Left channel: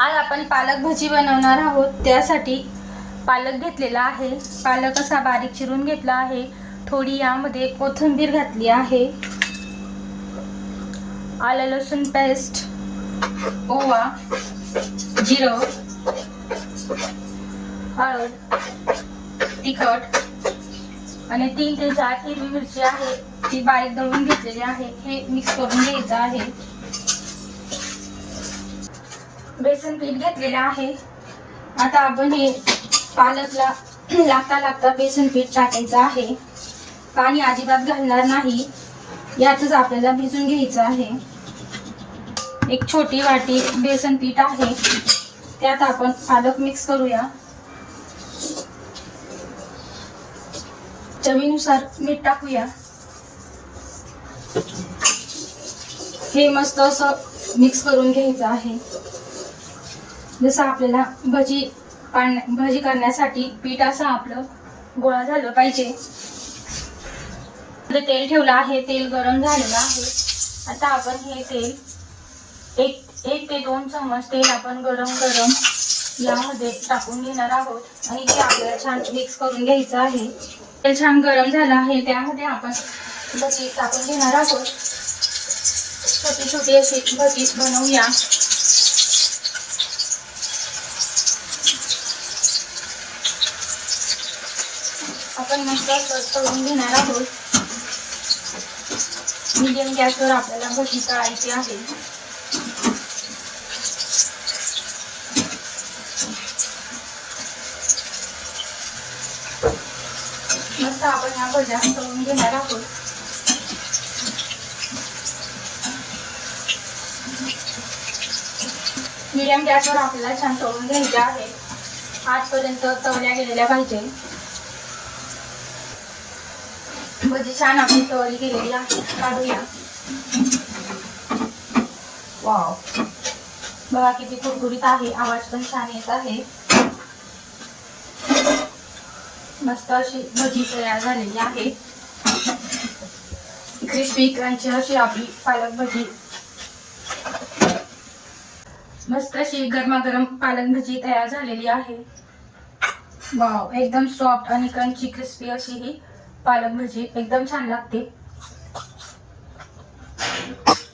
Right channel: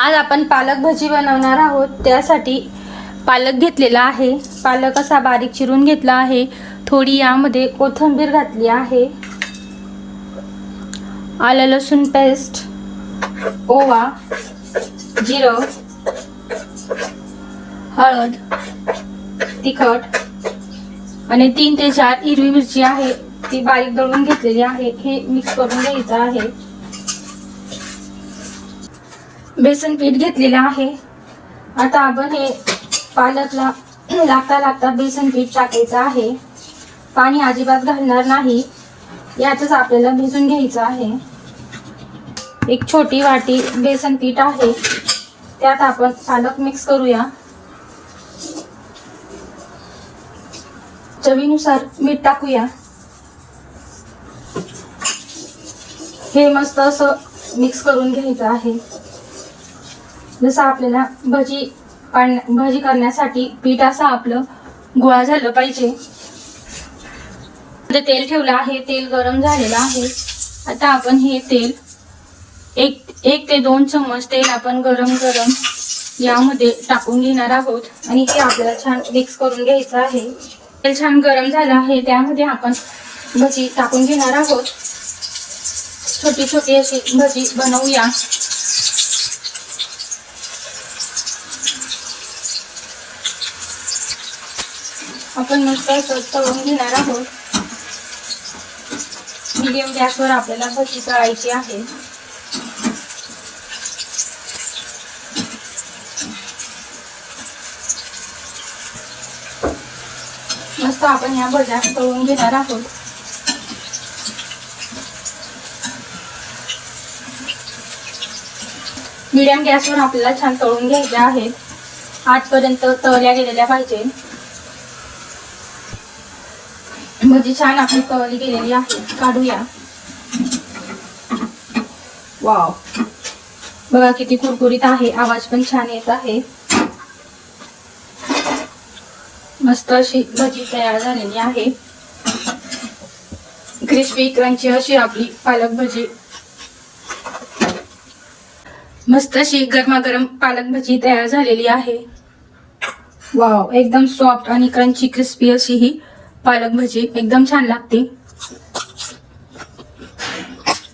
आज आपण पालक भजी बनवणार आहोत। त्यासाठी पालक घेतलेला आहे। पालक असा बारीक चिरून घेतला आहे। थोडी यामध्ये कोथिंबीर घातली आहे, आलं लसूण पेस्ट, ओवा, जिरं, हळद, तिखट आणि 3 ते 4 हिरवी मिरची आहे, ती बारीक दळून घेतलेली आहे। हे मिक्स करून घ्यायचं आहे। बेसन पीठ घेतलेलं आहे। आता आपण हे पालकला लागता बेसन पीठ टाकायचं आहे। पाणी अजिबात घालणार नाही, यातच आपल्याला भिजून घ्यायचं आहे। एक छोटी वाटी बेसन पीठ आहे, त्यात आपण पालक मिक्स करूया। चवीनुसार मीठ टाकूया। हे मस्त असं मिक्स करून घ्यायचं आहे। जसं आपल्याला भजी करण्यासाठी पीठ असं आपलं गोळा झालं पाहिजे। तेल ठेवलं आहे, तेल गरम झालेलं आहे। आता आपण हे तेल एक ते 2 चम्मच तेल आपण गरम यामध्ये टाकून घेणार आहोत आणि हे आपल्याला छान मिक्स करून घ्यायचं आहे। तेल छान गरम झालं आहे, त्यामध्ये आपण भजी टाकून घेणार आहोत। छोटी छोटी अशी भजी बनवूया। आपण मस्त तळून घेणार आहोत। मीडियम गॅसवर आपल्याला भजी तळायची आहे। मस्त आपण या भज्या तळून घेणार आहोत। मीडियम गॅसवर आपल्याला छान तळून घ्यायचे आहेत, आतपर्यंत तळल्या गेलेल्या पाहिजे। भजी छान आपली तळली गेलेली आहे, काढूया। वाव, बघा किती कुरकुरीत आहे, आवाज पण छान येत आहे। मस्त अशी भजी तयार झालेली आहे। क्रिस्पी क्रंची अशी आपली पालक भजी, मस्त अशी गरमागरम पालक भजी तयार झालेली आहे। वाव, एकदम सॉफ्ट आणि क्रंची क्रिस्पी अशी ही पालक भजी एकदम छान लागते।